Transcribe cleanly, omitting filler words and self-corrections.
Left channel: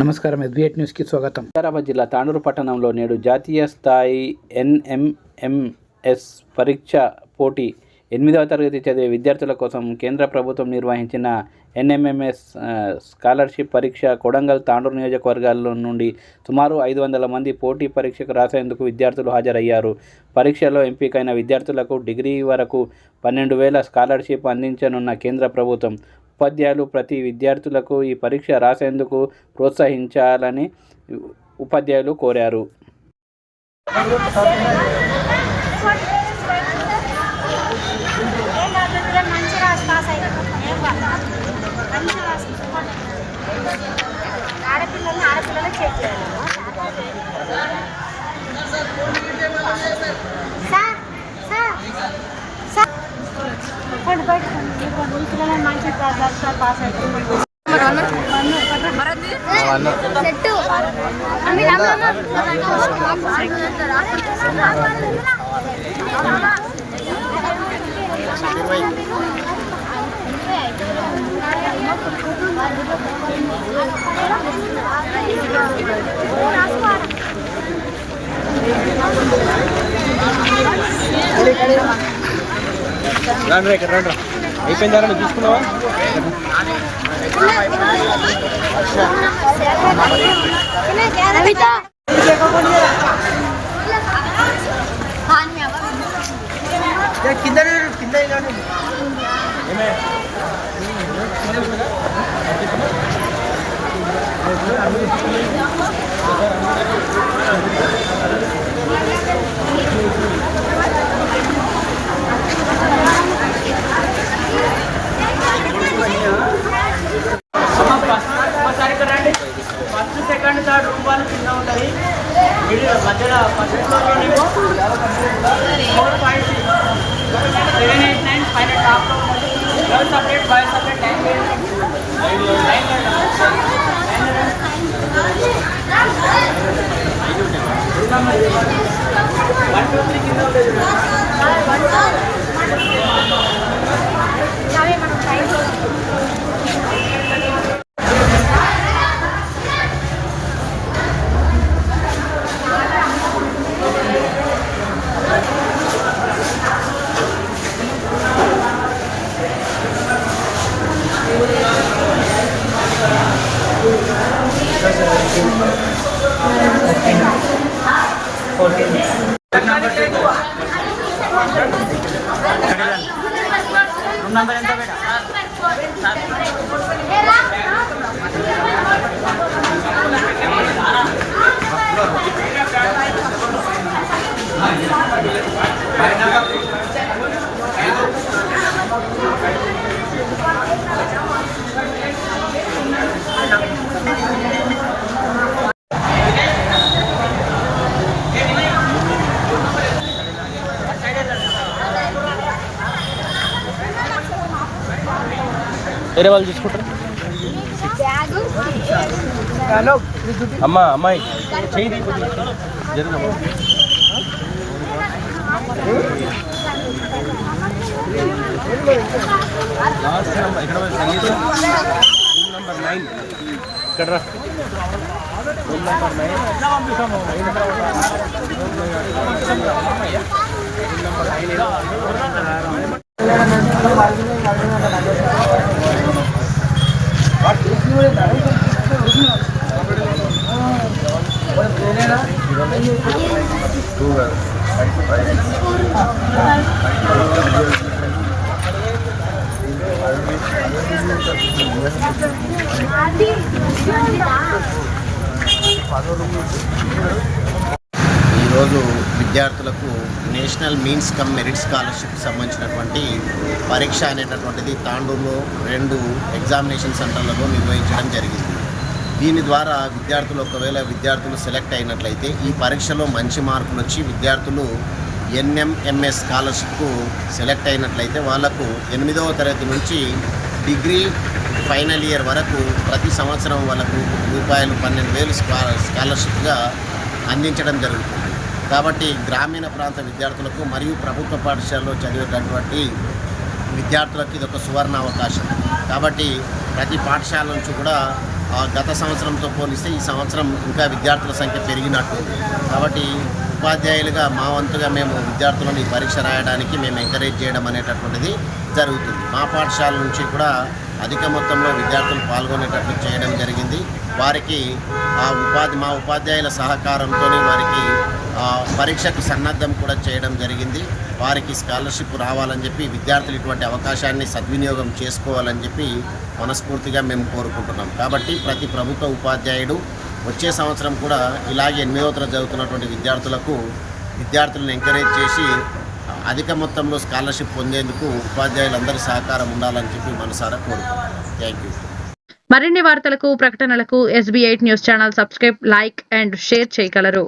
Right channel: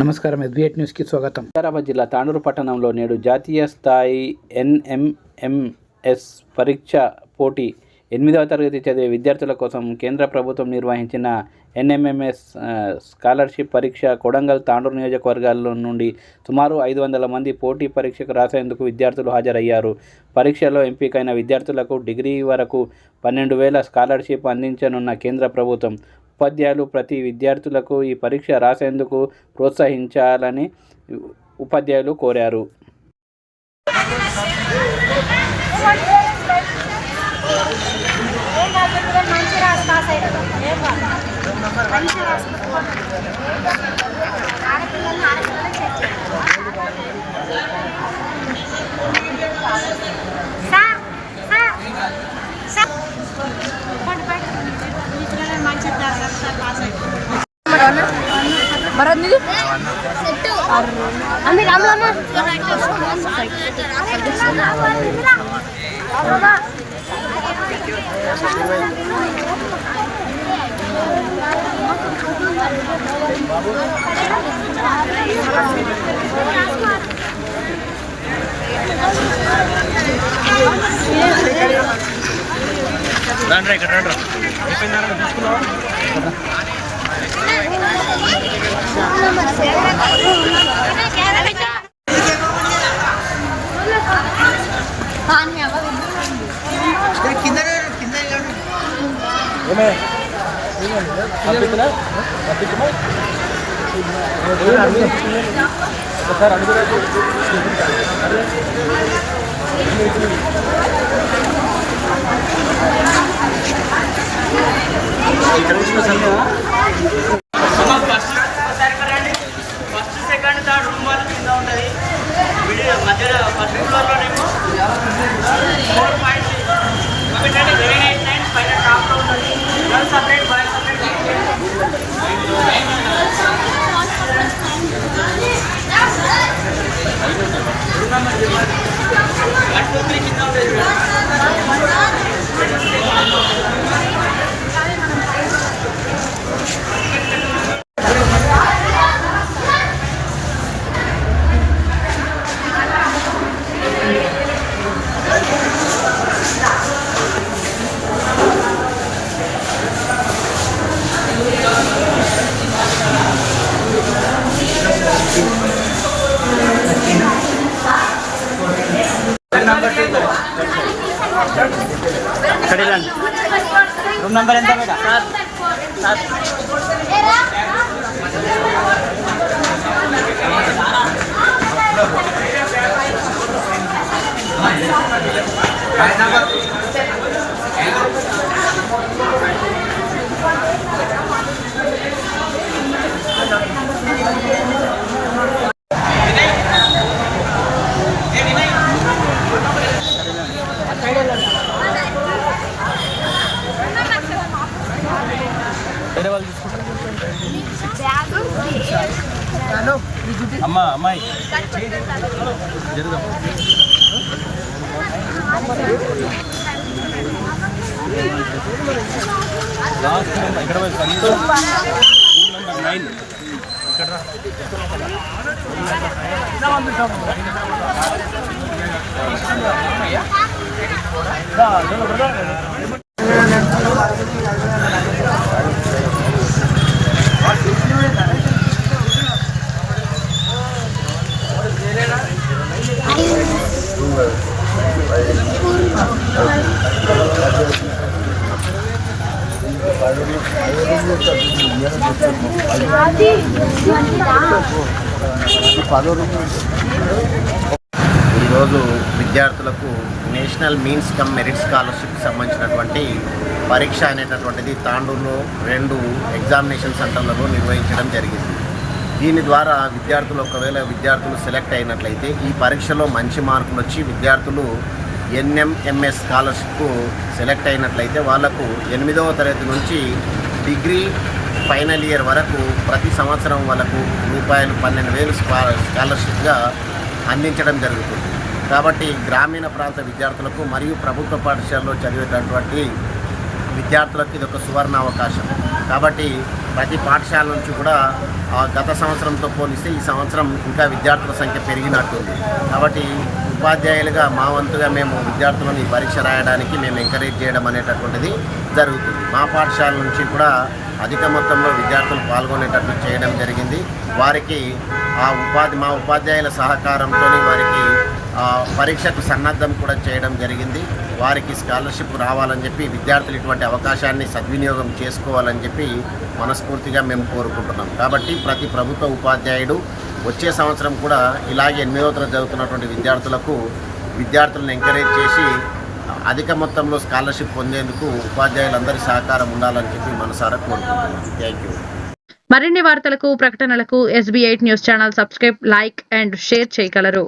నమస్కారం, ఎస్బీఐ న్యూస్కి స్వాగతం. హైదరాబాద్ జిల్లా తాండూరు పట్టణంలో నేడు జాతీయ స్థాయి ఎన్ఎంఎంఎస్ పరీక్ష పోటీ 8వ తరగతి చదివే విద్యార్థుల కోసం కేంద్ర ప్రభుత్వం నిర్వహించిన ఎన్ఎంఎంఎస్ స్కాలర్షిప్ పరీక్ష కొడంగల్, తాండూరు నియోజకవర్గాల నుండి సుమారు 500 మంది పోటీ పరీక్షకు రాసేందుకు విద్యార్థులు హాజరయ్యారు. పరీక్షలో ఎంపికైన విద్యార్థులకు డిగ్రీ వరకు 12,000 స్కాలర్షిప్ అందించనున్న కేంద్ర ప్రభుత్వం. ఉపాధ్యాయులు ప్రతి విద్యార్థులకు ఈ పరీక్ష రాసేందుకు ప్రోత్సహించాలని ఉపాధ్యాయులు కోరారు. అయిపోయిందా చూసుకున్నావా? ఫస్ట్ సెకండ్ థర్డ్ రూమ్ వాళ్ళు కింద ఉంటుంది. వీడియో మధ్యలో ఫస్ట్ ఫ్లోర్లో పైన top one separate by separate కింద ఉంటుంది. नंबर ఎంత बेटा? వేరే వాళ్ళు చూసుకుంటారు. అమ్మా అమ్మాయి చేయి జరుగు. లాస్ట్ నెంబర్ ఎక్కడ రూమ్ నెంబర్ 9 ఇక్కడ రూమ్ నెంబర్ 9. ఈరోజు విద్యార్థులకు నేషనల్ మీన్స్ కమ్ మెరిట్ స్కాలర్షిప్కి సంబంధించినటువంటి పరీక్ష అనేటటువంటిది తాండూరులో 2 ఎగ్జామినేషన్ సెంటర్లలో నిర్వహించడం జరిగింది. దీని ద్వారా ఒకవేళ విద్యార్థులు సెలెక్ట్ అయినట్లయితే ఈ పరీక్షలో మంచి మార్కులు వచ్చి విద్యార్థులు ఎన్ఎంఎంఎస్ స్కాలర్షిప్కు సెలెక్ట్ అయినట్లయితే వాళ్లకు 8వ తరగతి నుంచి డిగ్రీ ఫైనల్ ఇయర్ వరకు ప్రతి సంవత్సరం వాళ్ళకు రూపాయలు 12,000 స్కాలర్షిప్గా అందించడం జరుగుతుంది. కాబట్టి గ్రామీణ ప్రాంత విద్యార్థులకు మరియు ప్రభుత్వ పాఠశాలలో చదివేటటువంటి విద్యార్థులకు ఇది ఒక సువర్ణ అవకాశం. కాబట్టి ప్రతి పాఠశాల నుంచి కూడా గత సంవత్సరంతో పోలిస్తే ఈ సంవత్సరం ఇంకా విద్యార్థుల సంఖ్య పెరిగినట్టుంది. కాబట్టి ఉపాధ్యాయులుగా మా వంతుగా మేము విద్యార్థులను ఈ పరీక్ష రాయడానికి మేము ఎంకరేజ్ చేయడం అనేటటువంటిది జరుగుతుంది. మా పాఠశాల నుంచి కూడా అధిక మొత్తంలో విద్యార్థులు పాల్గొనేటట్లు చేయడం జరిగింది. వారికి మా ఉపాధ్యాయుల సహకారంతో వారికి పరీక్షకు సన్నద్ధం కూడా చేయడం జరిగింది. వారికి స్కాలర్షిప్ రావాలని చెప్పి విద్యార్థులు ఇటువంటి అవకాశాన్ని సద్వినియోగం చేసుకోవాలని చెప్పి మనస్ఫూర్తిగా మేము కోరుకుంటున్నాం. కాబట్టి ప్రతి ప్రభుత్వ ఉపాధ్యాయుడు వచ్చే సంవత్సరం కూడా ఇలాగే 8వ తరగతి చదువుతున్నటువంటి విద్యార్థులను ఎంకరేజ్ చేసి అధిక మొత్తంలో స్కాలర్షిప్ పొందేందుకు ఉపాధ్యాయులందరి సహకారం ఉండాలని చెప్పి మనసారా కోరుకుంటున్నాం. Thank you. మరిన్ని వార్తలకు ప్రకటనలకు SB8 news channel subscribe, like and share చేయగలరు.